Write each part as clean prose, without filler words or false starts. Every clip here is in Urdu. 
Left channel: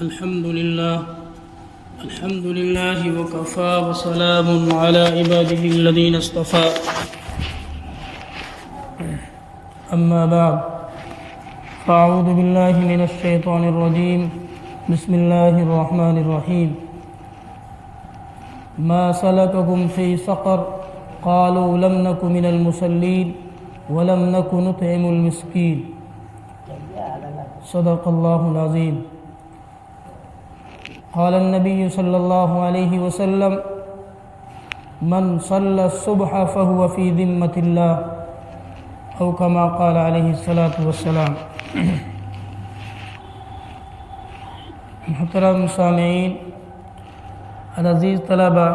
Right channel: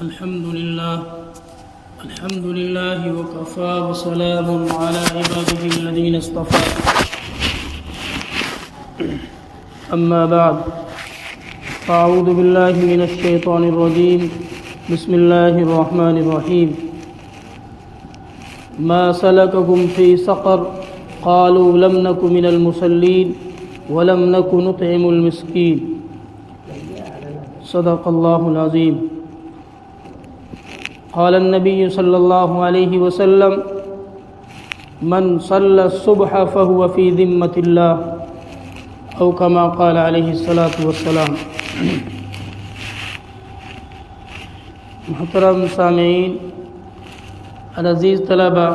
الحمد لله وكفى وسلام على عباده الذين اصطفى أما بعد فأعوذ بالله من الشيطان الرجيم بسم الله الرحمن الرحيم ما سلككم في سقر قالوا لم نك من المصلين ولم نك نطعم المسكين صدق الله العظيم قال النبي صلى الله عليه وسلم من صلى الصبح فهو في ذمة الله أو كما قال عليه الصلاة والسلام۔ محترم سامعین، عزیز طلبہ،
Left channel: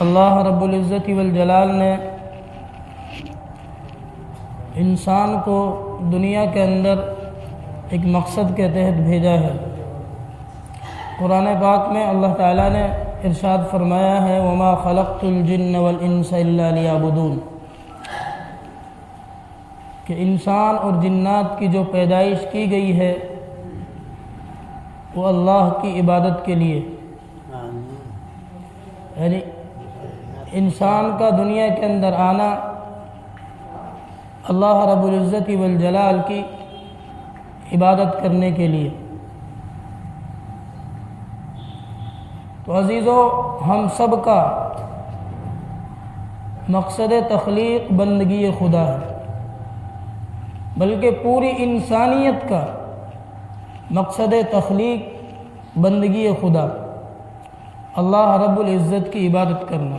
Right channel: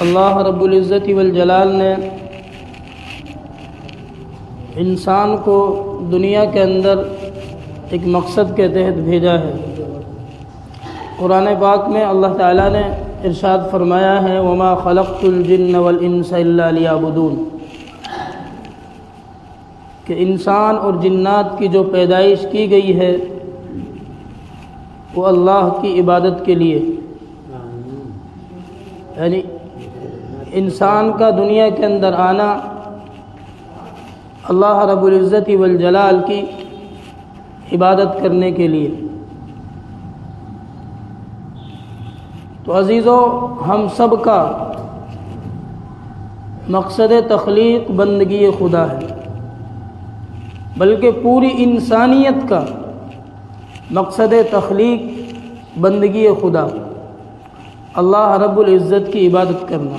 اللہ رب العزت والجلال نے انسان کو دنیا کے اندر ایک مقصد کے تحت بھیجا ہے۔ قرآن پاک میں اللہ تعالیٰ نے ارشاد فرمایا ہے وما خلقت الجن والانس الا لیعبدون، کہ انسان اور جنات کی جو پیدائش کی گئی ہے وہ اللہ کی عبادت کے لیے، یعنی انسان کا دنیا کے اندر آنا اللہ رب العزت والجلال کی عبادت کرنے کے لیے۔ تو عزیزو، ہم سب کا مقصد تخلیق بندگی خدا ہے، بلکہ پوری انسانیت کا مقصد تخلیق بندگی خدا، اللہ رب العزت کی عبادت کرنا۔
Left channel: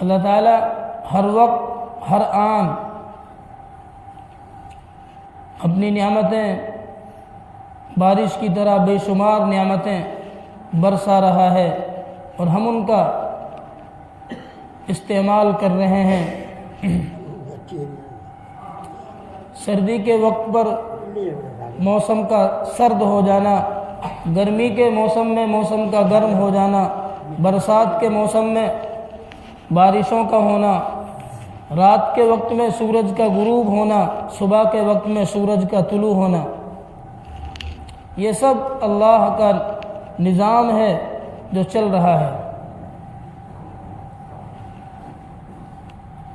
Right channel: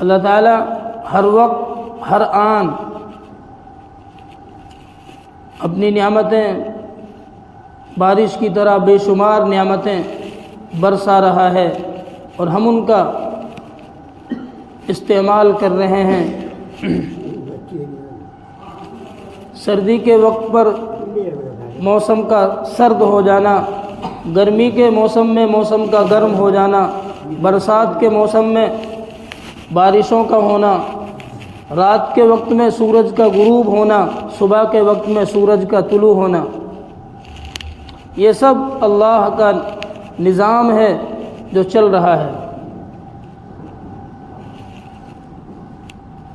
اللہ تعالیٰ ہر وقت ہر آن اپنی نعمتیں بارش کی طرح بے شمار نعمتیں برسا رہا ہے اور ہم ان کا استعمال کر رہے ہیں۔ سردی کے وقت پر موسم کا سرد ہو جانا، گرمی کے موسم میں موسم کا گرم ہو جانا، برسات کے موسم میں بارشوں کا ہونا، رات کے وقت میں سورج کا غروب ہونا، صبح کے وقت میں سورج کا طلوع ہونا، یہ سب اللہ کا نظام ہے جو چل رہا ہے،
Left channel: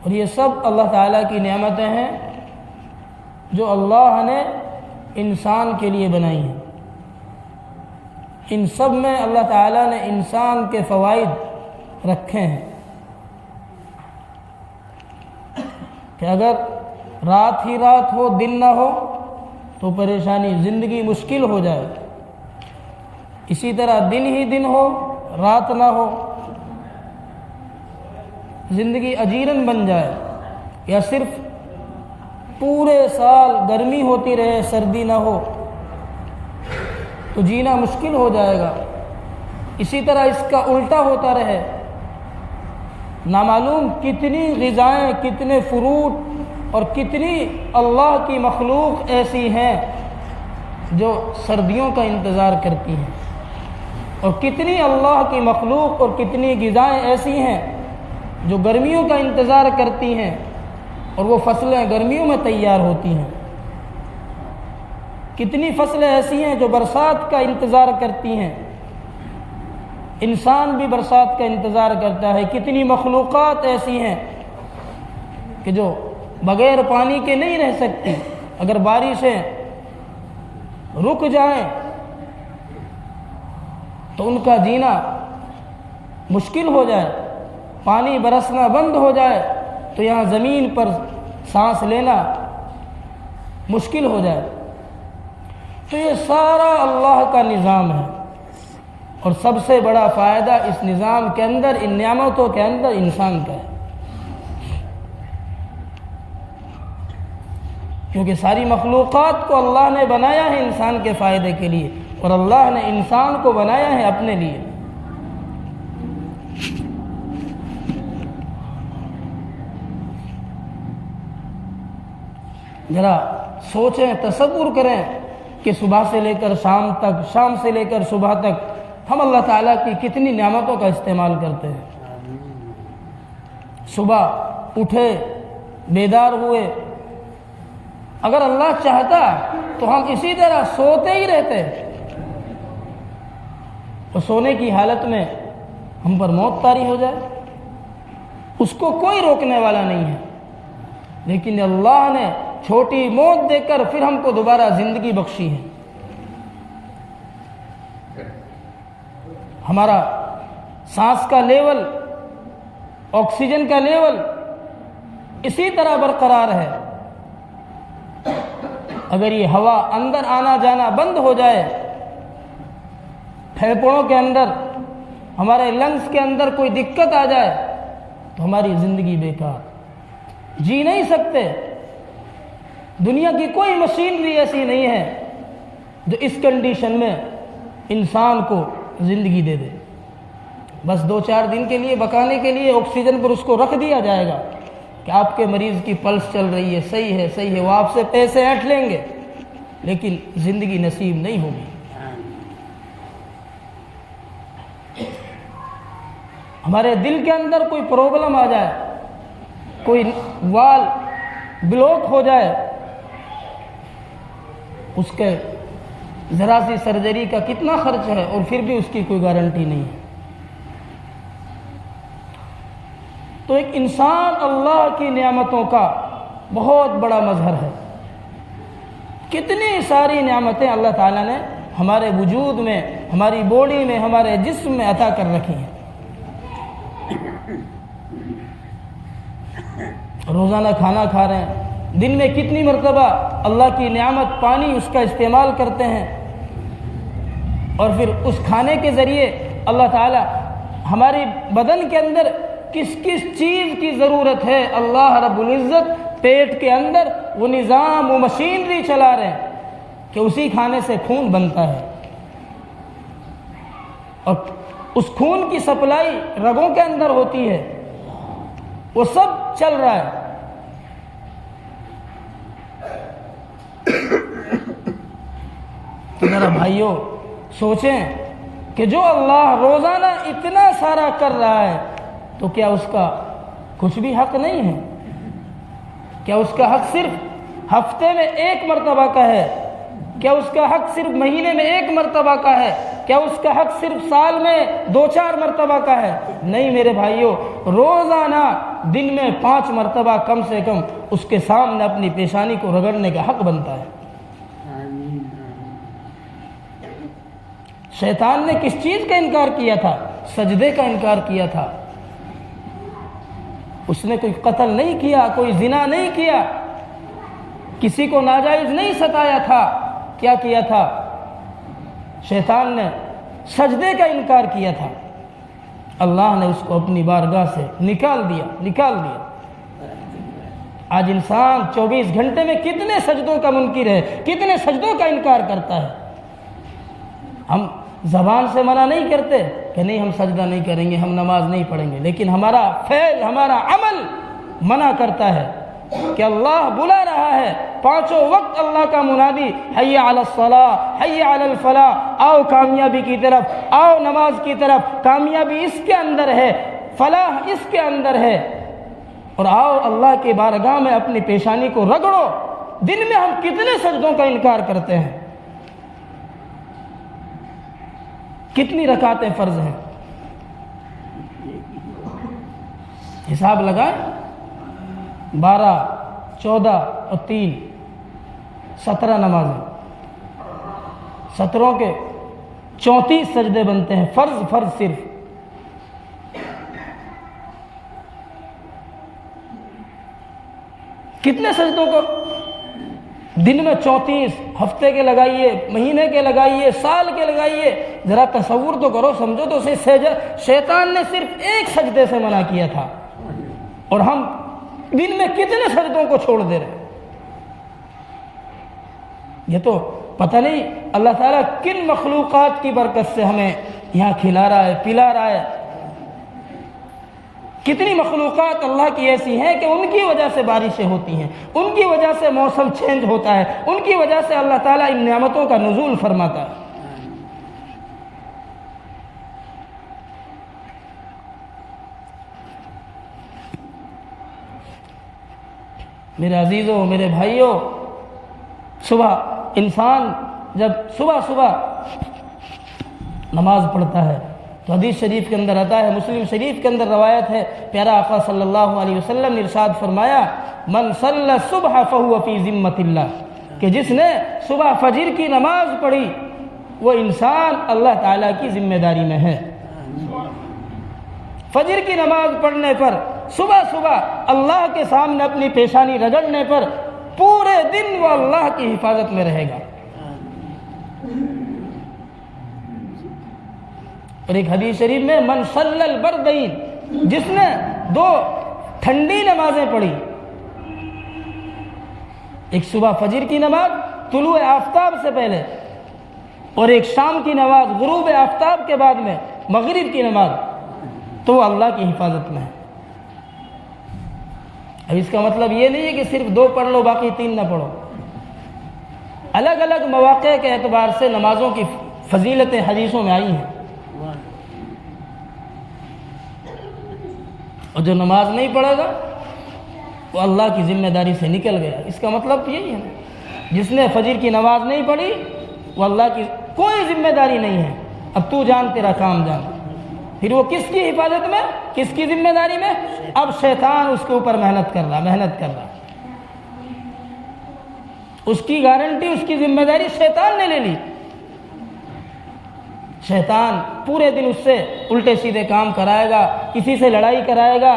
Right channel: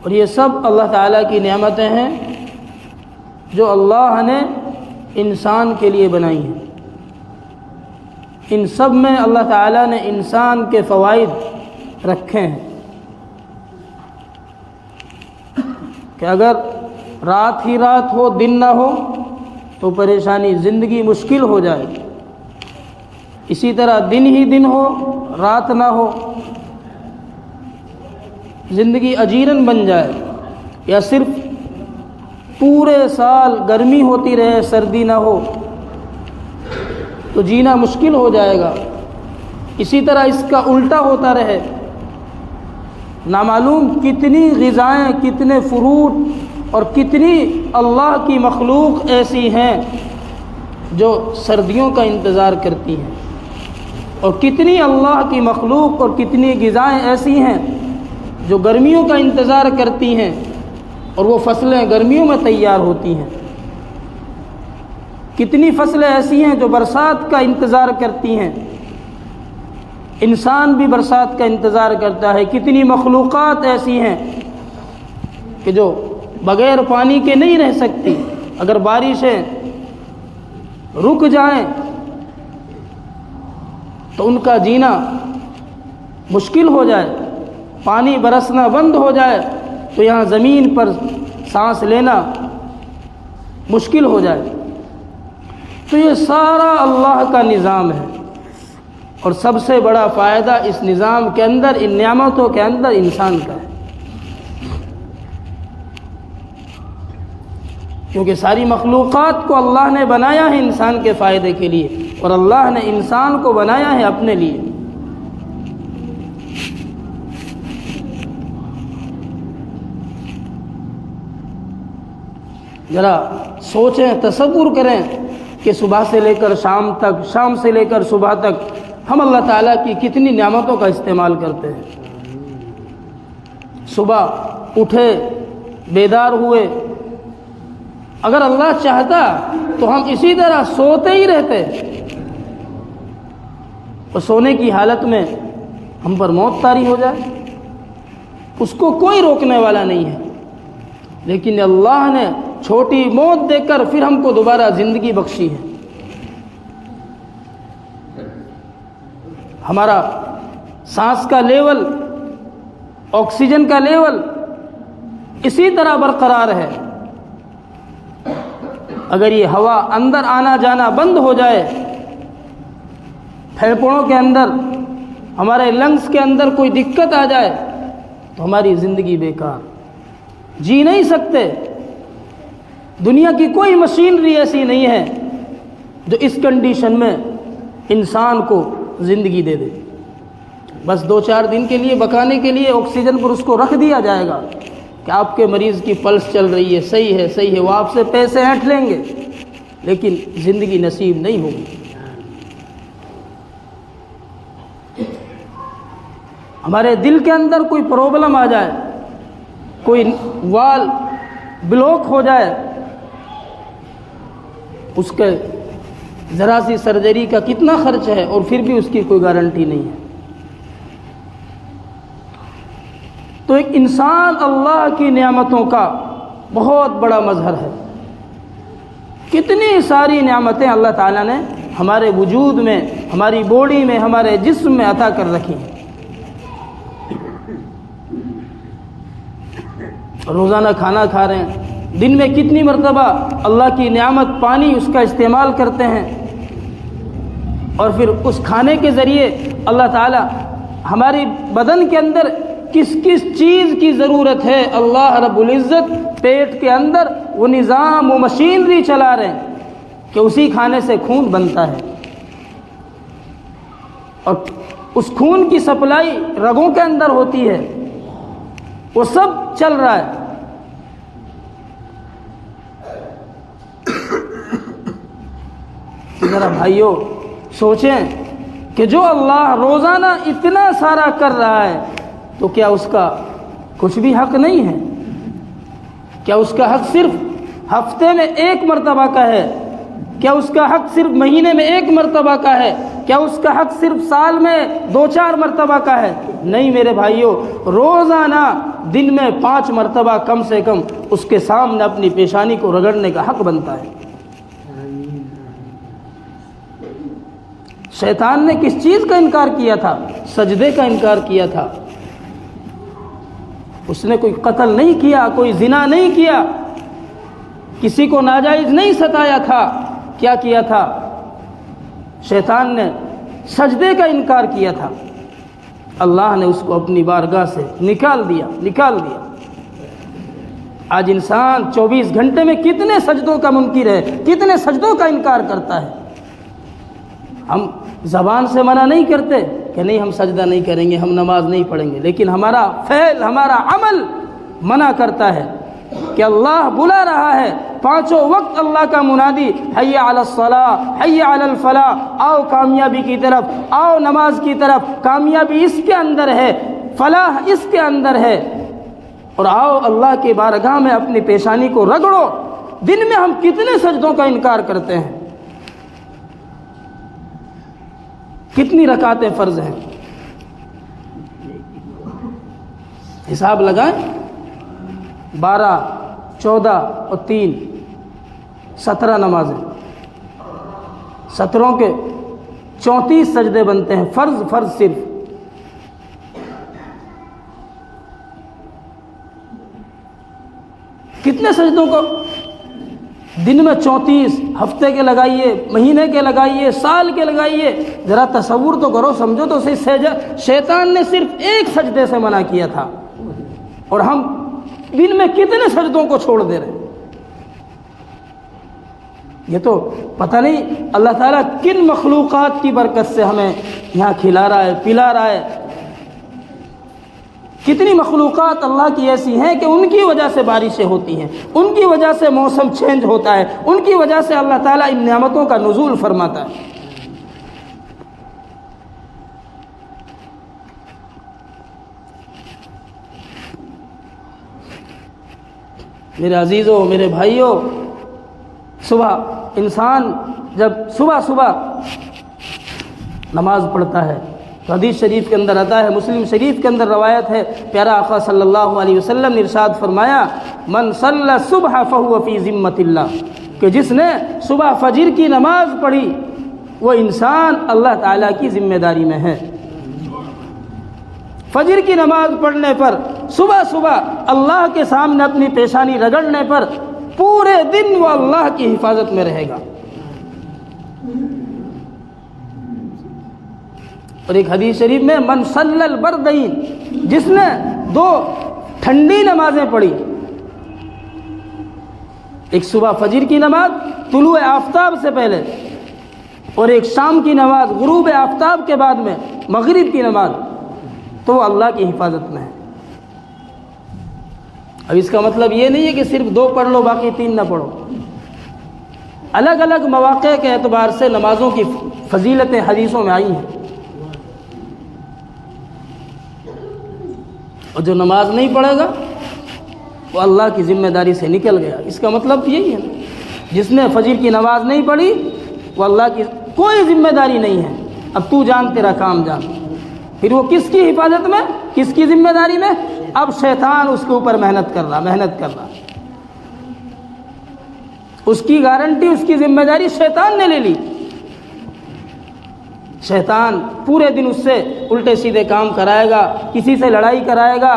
اور یہ سب اللہ تعالیٰ کی نعمتیں ہیں جو اللہ نے انسان کے لیے بنائی ہیں۔ ان سب میں اللہ تعالیٰ نے انسان کے فوائد رکھے ہیں کہ اگر رات ہی رات ہو، دن نہ ہو تو پریشانی، زندگی مشکل ہو جائے۔ اسی طرح دن ہی دن ہو، رات نہ ہو، زندگی اجیرن بن جائے، یا صرف پورے سال گرمی ہوتی رہے، سردی نہ ہو تو جینا مشکل ہو جائے گا۔ اسی طرح اس کا الٹا ہوتا رہے، نامعلوم کتنی غذائیں، کتنے فروٹ اور کتنی اللہ کی مخلوق ایسی ہیں جو سردیوں کا انتظار کرتی ہیں، اور کتنی اللہ کی مخلوق اور کتنی غذائیں ایسی ہیں جو گرمیوں کا انتظار کرتی ہیں، اور وہ فصلیں گرمیوں میں تیار ہوتی ہیں۔ کتنی فصلیں ایسی ہیں جو برسات کا انتظار کرتی ہیں، انسان بھی برسات کا انتظار کرتا ہے۔ کتنی مخلوقات ایسی ہیں کہ جو بغیر پانی کے نہیں رہ سکتی، اگر بارشیں رک جائیں تو ان کا جینا مشکل ہو جائے، پانی برسنا بند ہو جائے تو یہاں زمین پر سانس لینا مشکل ہو جائے۔ تو یہ سارا اللہ کا نظام ہے، اور سب سے بڑا فائدہ اس نظام کے اندر، ان نعمتوں کے اندر انسان کا ہے، کیونکہ ساری مخلوقات کو اللہ نے بنایا ہے انسان کے فائدے کے لیے، اور اللہ نے انسان کو بنایا ہے اپنے لیے۔ ذرا سوچیں، تصور کریں کہ صبح سے لے کر شام تک، شام سے لے کر صبح تک ہم اللہ تعالیٰ کی کتنی نعمتوں کا استعمال کرتے ہیں. صبح اٹھے، بیدار ہوئے، اگر اللہ چاہتا تو ہم اسی طرح سوتے ہی رہتے، اور سونے کی حالت میں ہم پر موت طاری ہو جائے، اس کو کوئی روکنے والا نہیں ہے. لیکن اللہ نے چھوٹی موت دے کر پھر ہم کو دوبارہ زندگی بخشی ہے. ہمارا سانس کا لیول، آکسیجن کا لیول اسی طرح برقرار ہے. اگر یہ ہوا اندر آنا جانا بند ہو جائے، پھیپھڑوں کے اندر، ہمارے لنگس کے اندر کوئی دقت آ جائے تو ہماری زندگی بیکار، جی نہیں سکتے. دنیا کی کوئی مشینری ایسی نہیں ہے جو اس کنڈیشن میں انسان کو زندگی دے دے. بس 2-4 دن کے لیے بکانے کے لیے آکسیجن پر اس کو رکھ دیا جائے گا کہ آپ کے مریض کی پلس چل رہی ہے، صحیح ہے، صحیح ہے، وہ آپ سے پیسے ہٹ لیں گے، لیکن زندگی نصیب نہیں ہوگی. ہمارے دل کے اندر کوئی پرابلم آ جائے، کوئی وال بلاک ہو جائے، اس کے ذرا سی سرجری کا کتنا خرچ ہے، اور پھر بھی اس کی کوئی گارنٹی نہیں ہے. تو ایک انسان اللہ کی نعمتوں کا بہت بڑا مظہر ہے. کتنی ساری نعمتیں اللہ تعالیٰ نے ہمارے وجود میں، ہماری باڈی میں، ہمارے جسم میں عطا کر رکھی ہیں. روزانہ کھانا کھا رہے ہیں، دن میں کتنی مرتبہ اللہ کی نعمت پانی اس کا استعمال کرتے ہیں، اور پھر اس کھانے کے ذریعے اللہ تعالیٰ ہماری بدن کے اندر کس کس چیز کی ضرورت ہے، اللہ رب العزت پیٹ کے اندر وہ نظام، وہ مشینری چلا رہے ہیں کہ اسی کھانے سے خون بنتا ہے، اور اس خون کی سپلائی رگوں کے اندر ہوتی ہے، وہ سب چل رہا ہے. میرا بھائیوں سوچیں کہ جو اللہ روزانہ اتنا سارا کر رہا ہے تو کیا اس کا کچھ بھی حق نہیں ہے؟ کیا اس کا حق صرف ہفتے میں 1 مرتبہ کا ہے؟ کیا اس کا حق صرف مہینے میں 1 مرتبہ کا ہے؟ کیا اس کا حق صرف سال میں 2-4 مرتبہ کا ہے؟ نہیں میرے بھائیوں، روزانہ دن میں 5 مرتبہ کم سے کم اس کے سامنے اپنی پیشانی کو رگڑنے کا حق بنتا ہے. شیطان نے کس چیز کا انکار کیا تھا؟ سجدے کا انکار کیا تھا. اس نے کوئی قتل نہیں کیا، کوئی زنا نہیں کیا، کسی کو ناجائز نہیں ستایا تھا. کیا کیا تھا؟ شیطان نے سجدے کا انکار کیا تھا. اللہ نے اس کو اپنی بارگاہ سے نکال دیا. آج انسان 24 گھنٹے میں کتنے سجدوں کا منکر ہے، کتنے سجدوں کا انکار کرتا ہے. ہم زبان سے منع نہیں کرتے کہ نہیں ہم سجدہ نہیں کریں گے، ہم نماز نہیں پڑھیں گے، لیکن ہمارا فعل، ہمارا عمل منع کرتا ہے کہ اللہ بلا رہا ہے. 5 وقت اللہ کا منادی، حی علی الصلاۃ، حی علی الفلاح، آؤ کامیابی کی طرف، آؤ نماز کی طرف. کامیابی اس کے اندر ہے، فلاح اس کے اندر ہے، اور آؤ اللہ کی بارگاہ میں اپنی پیشانی کو رگڑو. دن میں ہم کتنے سجدوں کا انکار کرتے ہیں؟ کتنی رکعتیں فرض ہیں؟ حساب لگائیں. 12، 14 اور 3، 17 نمازیں. 17 کے 34 سجدے بنتے ہیں، فرض صرف. کتنے سجدوں کو دن میں 34، ہفتے کے لگائیے، مہینے کے لگائیے، سال کے لگائیے. ذرا تصور تو کرو، سمجھو تو صحیح. شیطان نے صرف 1 سجدے سے منع کیا تھا، اور ہم دن میں کتنے سجدوں کو چھوڑ دے رہے. یہ تو پتہ نہیں اللہ تعالیٰ کن مخلوقات کی برکت سے ہمیں یہاں کھلا رہا ہے، پلا رہا ہے. کتنی مخلوقات اللہ کی ایسی ہیں کہ ان کی وجہ سے بارشیں ہوتی ہیں، ان کی وجہ سے موسم چینج ہوتا ہے، ان کی وجہ سے اللہ تعالیٰ ان نعمتوں کا نزول فرماتا ہے. میرے عزیزوں، میرے بھائیوں، صبح انسان جب صبح صبح نماز پڑھتا ہے تو حدیث شریف کے اندر آتا ہے، مسلم شریف کے اندر روایت ہے، پیارا آقا صلی اللہ علیہ وسلم نے ارشاد فرمایا، من صلی الصبح فہو فی ذمۃ اللہ، کہ جس نے صبح فجر کی نماز پڑھی وہ انسان اللہ تعالیٰ کی ذمہ داری میں ہے۔ فجر کی نماز پڑھنے پر صبح صبح اللہ کے سامنے اپنی پیشانی رگڑنے پر پورے دن وہ اللہ کی حفاظت میں رہے گا۔ اور ایک حدیث شریف میں من صلی البردین، جس نے 2 ٹھنڈی نمازیں پڑھی، ایک صبح فجر کی نماز طلوع آفتاب سے پہلے اور ایک شام کی نماز غروب آفتاب کے بعد میں مغرب کی نماز، تو وہ اللہ کی حفاظت میں ہے۔ اب اس کا مطلب یہ نہیں ہے کہ صرف 2 پڑھ لو باقی 3 نہ پڑھو۔ الگ الگ مواقع کے اعتبار سے نمازوں کی فضیلتیں حدیثوں میں آئی ہیں، اور جو نماز نہیں پڑھے گا وہ اللہ کی ذمہ داری سے نکل گیا۔ اس کا مطلب یہی ہے، جس نے فجر کی نماز نہیں پڑھی وہ اللہ کی کوئی ذمہ داری نہیں ہے۔ اب تو جان، تیرا کام جان، پھر وہ کس کی حفاظت میں، کس کی ذمہ داری میں؟ اب شیطان اس کے اوپر محنت کر رہا، اس کی گارنٹی، اس کی ذمہ داری شیطان نے لے لی۔ شیطان پورے دن اس سے الٹے سیدھے کام کرائے گا، کسی سے لڑائی کرائے گا،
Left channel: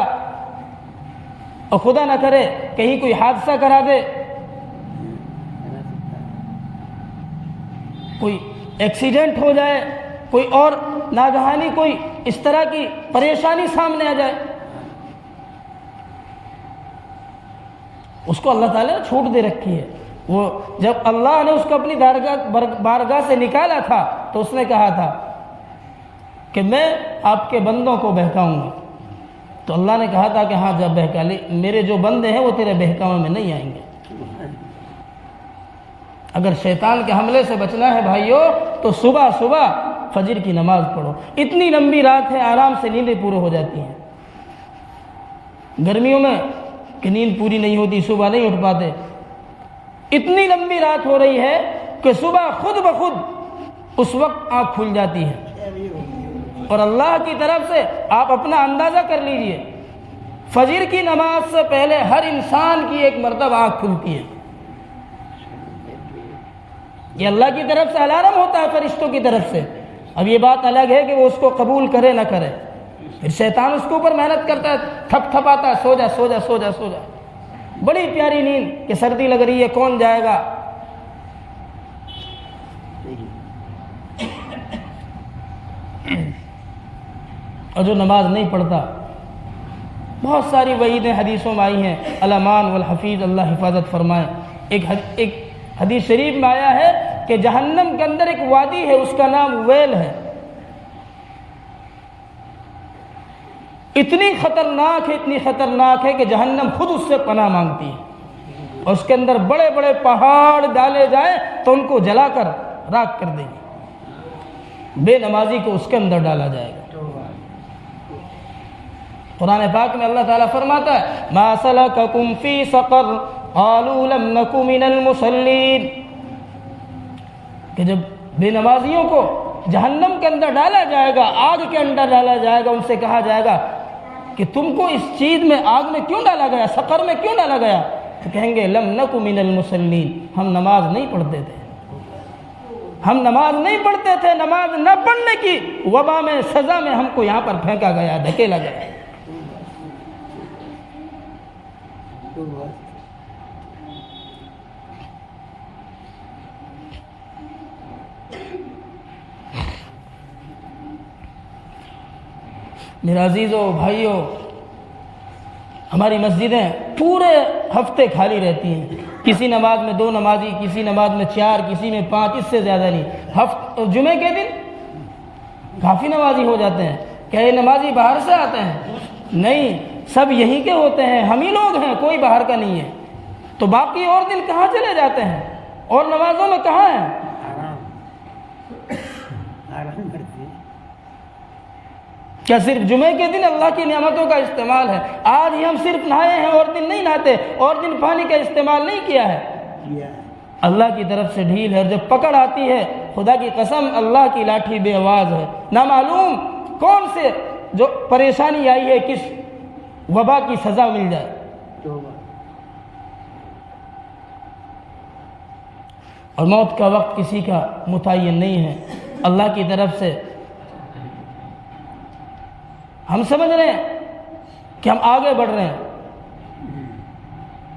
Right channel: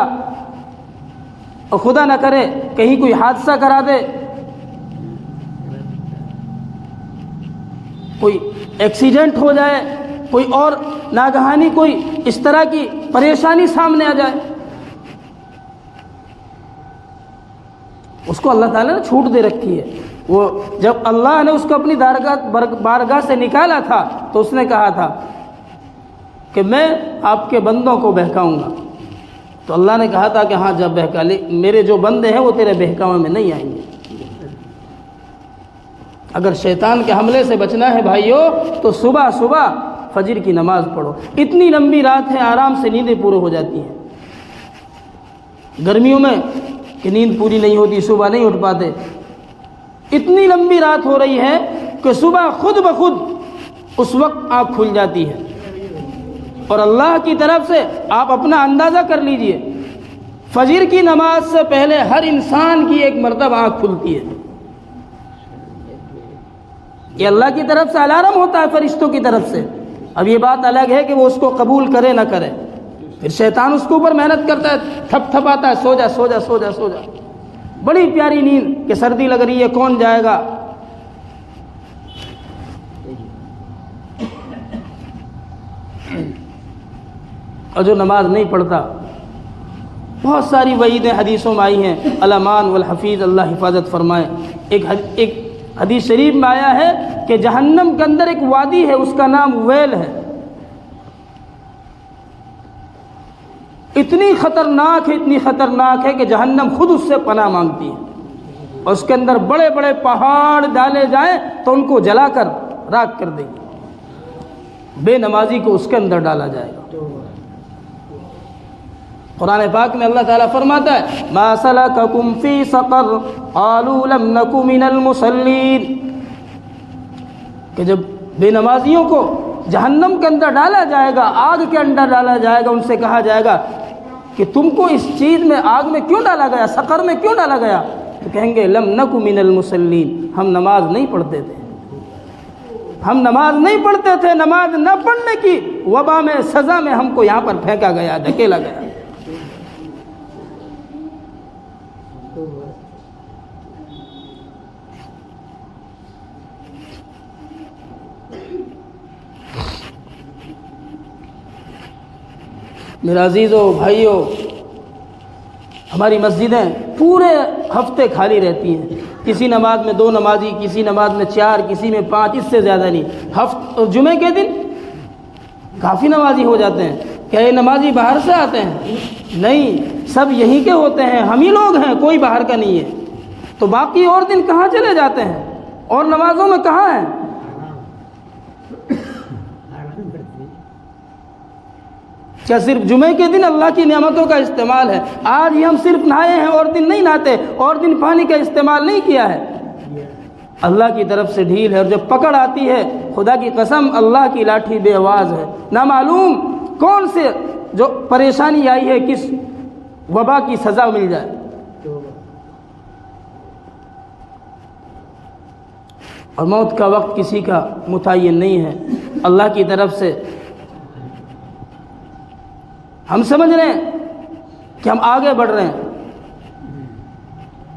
اور خدا نہ کرے کہیں کوئی حادثہ کرا دے، کوئی ایکسیڈنٹ ہو جائے، کوئی اور ناگہانی کوئی اس طرح کی پریشانی سامنے آ جائے، اس کو اللہ تعالیٰ نے چھوٹ دے رکھی ہے۔ وہ جب اللہ نے اس کو اپنی بارگاہ سے نکالا تھا تو اس نے کہا تھا کہ میں آپ کے بندوں کو بہکاؤں گا، تو اللہ نے کہا تھا کہ ہاں جب بہکا لے، میرے جو بندے ہیں وہ تیرے بہکاوے میں نہیں آئیں گے۔ اگر شیطان کے حملے سے بچنا ہے بھائیوں تو صبح صبح فجر کی نماز پڑھو۔ اتنی لمبی رات ہے، آرام سے نیندیں پورے ہو جاتی ہیں۔ گرمیوں میں کہ نیند پوری نہیں ہوتی، صبح نہیں اٹھ پاتے، اتنی لمبی رات ہو رہی ہے کہ صبح خود بخود اس وقت آنکھ کھل جاتی ہے، اور اللہ کی طرف سے آپ اپنا اندازہ کر لیجئے، فجر کی نماز سے پہلے ہر انسان کی 1 مرتبہ آنکھ کھلتی ہے۔ یہ اللہ کی طرف سے الارم ہوتا ہے، فرشتوں کی طرف سے۔ اب یہ بات الگ ہے کہ وہ اس کو قبول کرے نہ کرے، پھر شیطان اس کے اوپر محنت کرتا ہے، تھپ تھپ آتا ہے، سو جا سو جا سو جا سو جا، بڑی پیاری نیند کہ سردی لگ رہی ہے، کون جائے گا۔ اور جو نماز نہیں پڑھتا، بہت ساری وعیدیں حدیثوں میں آئی ہیں، الامان والحفیظ، اللہ حفاظت فرمائے۔ ایک حدیث شریف میں آیا ہے کہ جہنم کے اندر ایک وادی ہے، اس کا نام ویل ہے، اتنی خطرناک ہے کہ جہنم خود اس سے پناہ مانگتی ہے، اور اس کے اندر بڑے بڑے پہاڑ ڈالے جائیں تو ان کو جلا کر راکھ کر دے گی، بے نمازی کو اس کے اندر ڈالا جائے گا۔ قرآن پاک میں اللہ تعالیٰ فرماتا ہے، ما سلککم فی سقر قالوا لم نک من المصلین، کہ جب بے نمازیوں کو جہنم کے اندر ڈالا جائے گا، آگ کے اندر ڈالا جائے گا، ان سے کہا جائے گا کہ تم کو اس چیز میں، آگ میں کیوں ڈالا گیا، سقر میں کیوں ڈالا گیا؟ تو کہیں گے لم نک من المصلین، ہم نماز نہیں پڑھتے تھے، ہم نماز نہیں پڑھتے تھے، نماز نہ پڑھنے کی وبا میں، سزا میں ہم کو یہاں پر پھینکا گیا، دھکیلا گیا۔ میرے عزیزوں بھائیوں، ہماری مسجدیں پورے ہفتے خالی رہتی ہیں، کسی نماز میں 2 نمازی، کسی نماز میں 4، کسی میں 5، اس سے زیادہ نہیں۔ جمعے کے دن کافی نمازی ہو جاتے ہیں۔ کیا یہ نمازی باہر سے آتے ہیں؟ نہیں، سب یہیں کے ہوتے ہیں، ہم ہی لوگ ہیں، کوئی باہر کا نہیں ہے۔ تو باقی اور دن کہاں چلے جاتے ہیں؟ اور نمازوں میں کہاں ہیں؟ کیا صرف جمعے کے دن اللہ کی نعمتوں کا استعمال ہے؟ آج ہی ہم صرف نہائے ہیں اور دن نہیں نہاتے، اور دن پانی کا استعمال نہیں کیا ہے؟ اللہ کی طرف سے ڈھیل ہے، اور جب پکڑ آتی ہے خدا کی قسم اللہ کی لاٹھی بے آواز ہے، نہ معلوم کون سے جو پریشانی آئی ہے کس وبا کی سزا مل جائے۔ اور موت کا وقت کسی کا متعین نہیں ہے، اللہ کی طرف سے ہم سمجھ رہے ہیں کہ ہم آگے بڑھ رہے ہیں،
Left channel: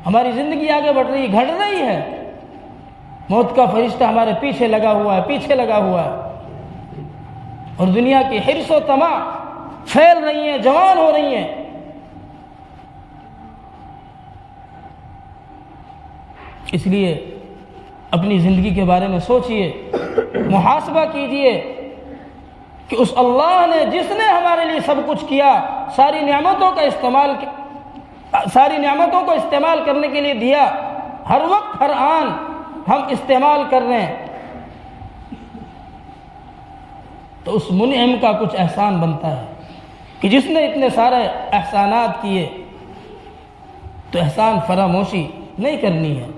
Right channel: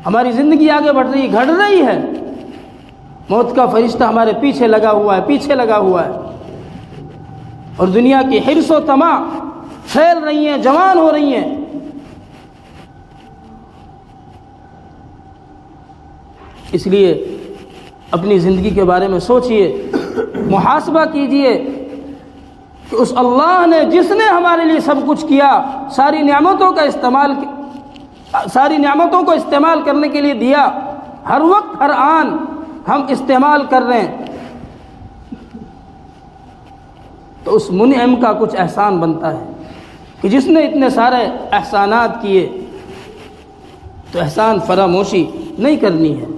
ہماری زندگی آگے بڑھ رہی ہے، گھڑ رہی ہے، موت کا فرشتہ ہمارے پیچھے لگا ہوا ہے، اور دنیا کی حرص و طمع پھیل رہی ہیں، جوان ہو رہی ہیں۔ اس لیے اپنی زندگی کے بارے میں سوچئے، محاسبہ کیجئے کہ اس اللہ نے جس نے ہمارے لیے سب کچھ کیا، ساری نعمتوں کو استعمال کرنے کے لیے دیا، ہر وقت ہر آن ہم استعمال کر رہے ہیں، تو اس منعم کا کچھ احسان بنتا ہے کہ جس نے اتنے سارے احسانات کیے، تو احسان فراموشی نہیں کرنی ہے،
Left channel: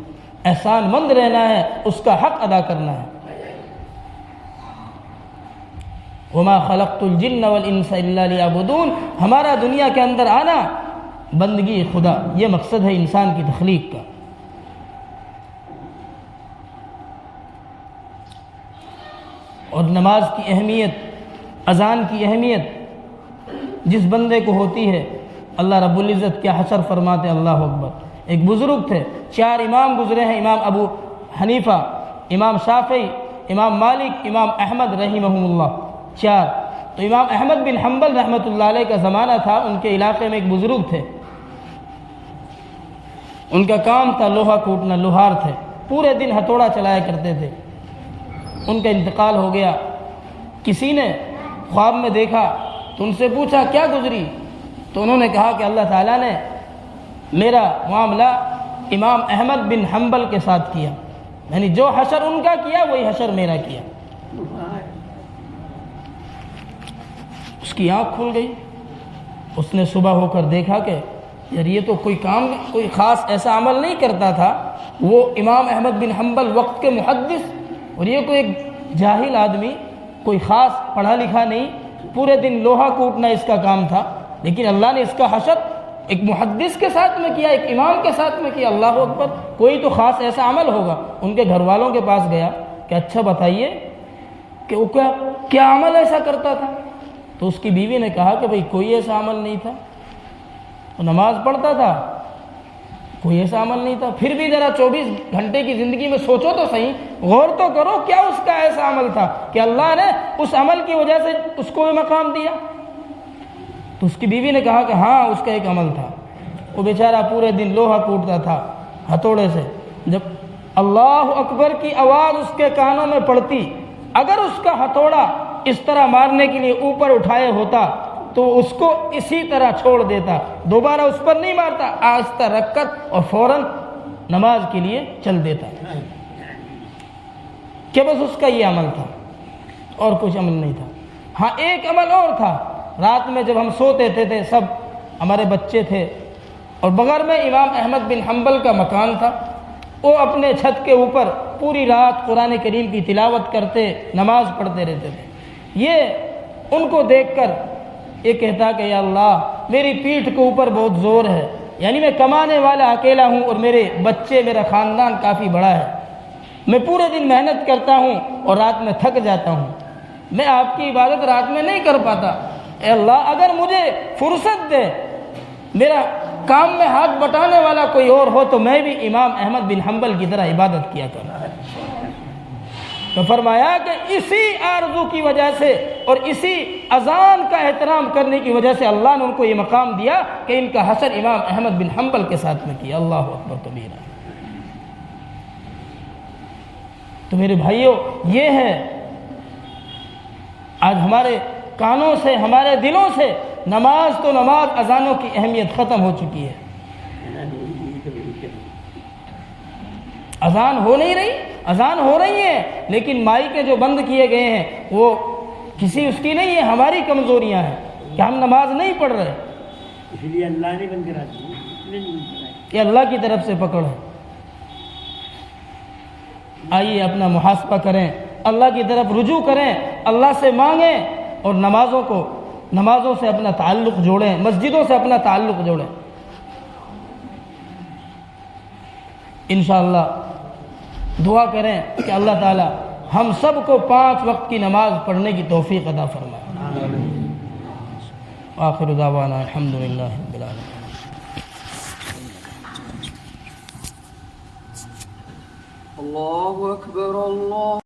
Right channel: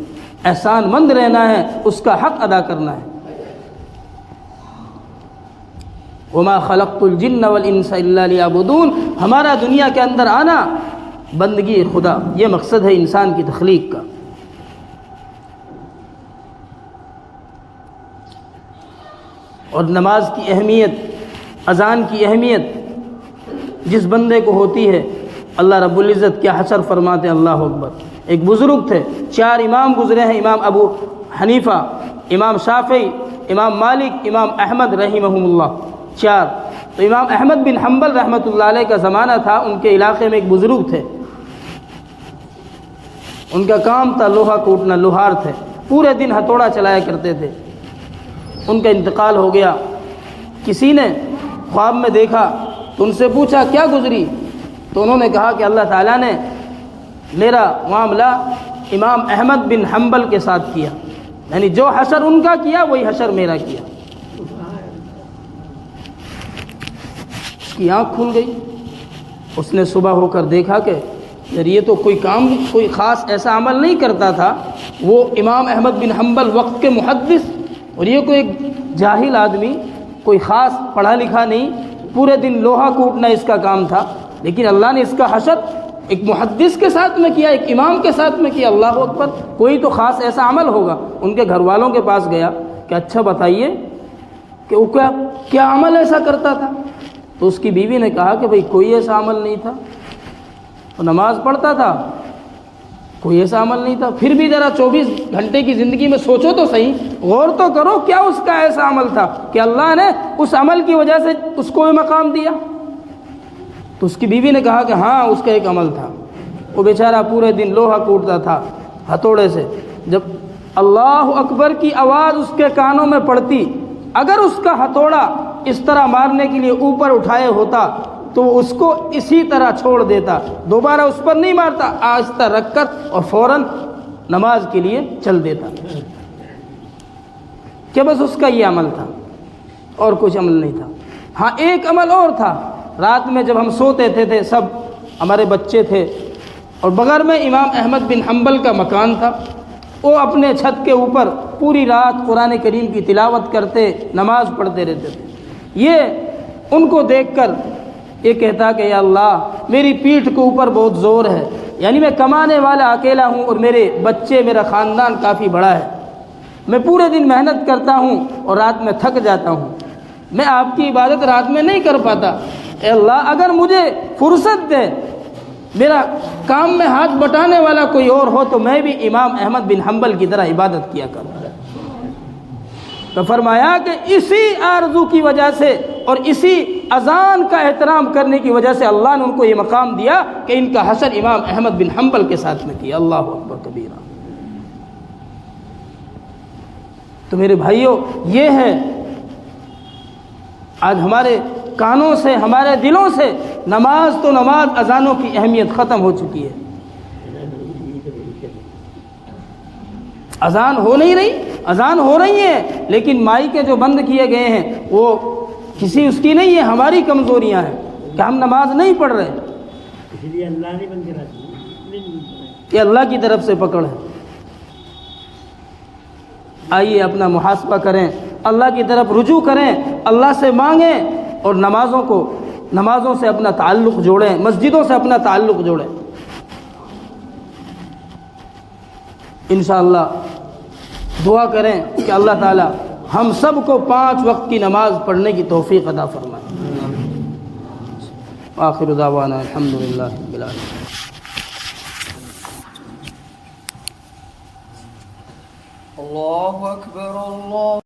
احسان مند رہنا ہے، اس کا حق ادا کرنا ہے۔ وما خلقت الجن والانس الا ليعبدون، ہمارا دنیا کے اندر آنا بندگی خدا، یہ مقصد ہے انسان کی تخلیق کا۔ اور نماز کی اہمیت، اذان کی اہمیت جس بندے کو ہوتی ہے، اللہ رب العزت کیا حشر فرماتے ہیں، اللہ اکبر۔ ایک بزرگ تھے، 4 امام گزرے ہیں، امام ابو حنیفہ، امام شافعی، امام مالک، امام احمد رحمہم اللہ، 4۔ تو امام احمد بن حنبل رحمۃ اللہ علیہ کا زمانہ تھا، ان کے علاقے میں ایک بزرگ تھے، ان کا کام تھا لوہا کوٹنا، لوہار تھے، پورے دن ہتھوڑا چلایا کرتے تھے۔ ان کا انتقال ہو گیا، کسی نے خواب میں دیکھا تو ان سے پوچھا کیا گزری، تو انہوں نے کہا کہ اللہ تعالیٰ نے میرا معاملہ امام احمد بن حنبل کے ساتھ کیا، یعنی جو حشر ان کا کیا وہی حشر میرا کیا۔ اس کی آنکھ کھل گئی، اس نے صبح ہو کر دیکھا کہ یار یہ تو کوئی خاص ایسا عمل نہیں کرتا تھا، وہ امام احمد بن حنبل وقت کے محدث، اور یہ کوئی ایک جاہل آدمی، کوئی خاص پڑھا لکھا نہیں، پورے دن لوہا کوٹنا اس کا کام تھا، لیکن اللہ نے اس کا حشر ایک محدث کے ساتھ میں کیا، ایک امام کے ساتھ میں کیا۔ اللہ اکبر، کوئی تو خاص ایسا عمل ہوگا۔ ان کے گھر والوں کے پاس گیا کہ اچھا بتائیے کہ وہ کیا عمل ایسا کرتا تھا، تو اس کی بیوی نے کہا کہ بھئی کوئی ایسا عمل نہیں تھا، وہ نماز پڑھتا تھا، کوئی ایسا عمل نہیں تھا۔ پھر بھی ذرا 24 گھنٹے کی زندگی میں سوچو تو صحیح، غور تو کرو، کیا اس کا ایسا عمل تھا کہ اللہ نے اس عمل کی وجہ سے اس کو بھی مقام دیا؟ تو اس کی بیوی نے کہا کہ ہاں اس کا ایک عمل تھا، وہ بیچارہ پورے دن لوہا کوٹتا تھا ہتھوڑے سے، جب اللہ اکبر کی آواز اس کے کانوں میں پڑتی، اگر اس کا ہتھوڑا اس طرح مارنے کے لیے اوپر اٹھائے ہوتا تو وہ اس کو اسی طرح چھوڑ دیتا، دوبارہ اس پر نہیں مارتا، آہستہ رکھ کر اور فوراً نماز کے لیے چل دیتا، کہ بس اس کا یہ عمل تھا اور کچھ عمل نہیں تھا۔ ہاں ایک عمل اور تھا، رات میں جب ہم سوتے تھے سب ہمارے بچے تھے، اور بغیر میں امام احمد بن حنبل کا مکان تھا، وہ اپنے چھت کے اوپر پوری رات قرآن کریم کی تلاوت کرتے، نماز پڑھتے رہتے تھے۔ یہ ان کو دیکھ کر یہ کہتا کہ یا اللہ میری پیٹھ کے اوپر بہت زور ہے، یعنی میں کمانے والا اکیلا ہوں اور میرے بچے، میرا خاندان کافی بڑا ہے، میں پورے دن محنت کرتا ہوں اور رات میں تھک جاتا ہوں، میں آپ کی عبادت رات میں نہیں کر پاتا، اے اللہ اگر مجھے فرصت دے، میرا کام میں ہاتھ بٹانے والا کوئی اور ہو تو میں بھی امام احمد بن حنبل کی طرح عبادت کیا کروں۔ تو فرمایا کہ اسی آرزو کی وجہ سے اور اسی اذان کا احترام کرنے کی وجہ سے اللہ نے ان کو یہ مقام دیا کہ ان کا حشر امام احمد بن حنبل کے ساتھ میں کیا۔ اللہ اکبر کبیرہ۔ تو میرے بھائیوں، یہ ہے آج ہمارے کانوں سے، ہمارے دلوں سے نماز تو نماز، اذانوں کی اہمیت ختم ہو چکی ہے۔ اذان ہو نہیں رہی، اذان ہو رہی ہے لیکن مائی کے جو بند کیے گئے ہیں وہ کسی اس کی نہیں ہے، ہماری کمزوریاں ہیں۔ کہ ہم نماز نہیں پڑھ رہے، اس لیے اللہ نے بند کرا دی کہ اللہ کی طرف سے پکڑ ہے۔ آئیے اپنا محاسبہ کریں، اللہ کی طرف رجوع کریں، اللہ سے مانگیں اور نمازوں سے اپنا تعلق جوڑیں، مسجدوں سے اپنا تعلق جوڑیں۔ انشاءاللہ دعا کریں کہ اللہ تعالی ہم سب کو 5 وقت کی نماز پڑھنے کی توفیق عطا فرمائے۔ آخر دعوانا الحمدللہ رب العالمین۔ اللہ اکبر اللہ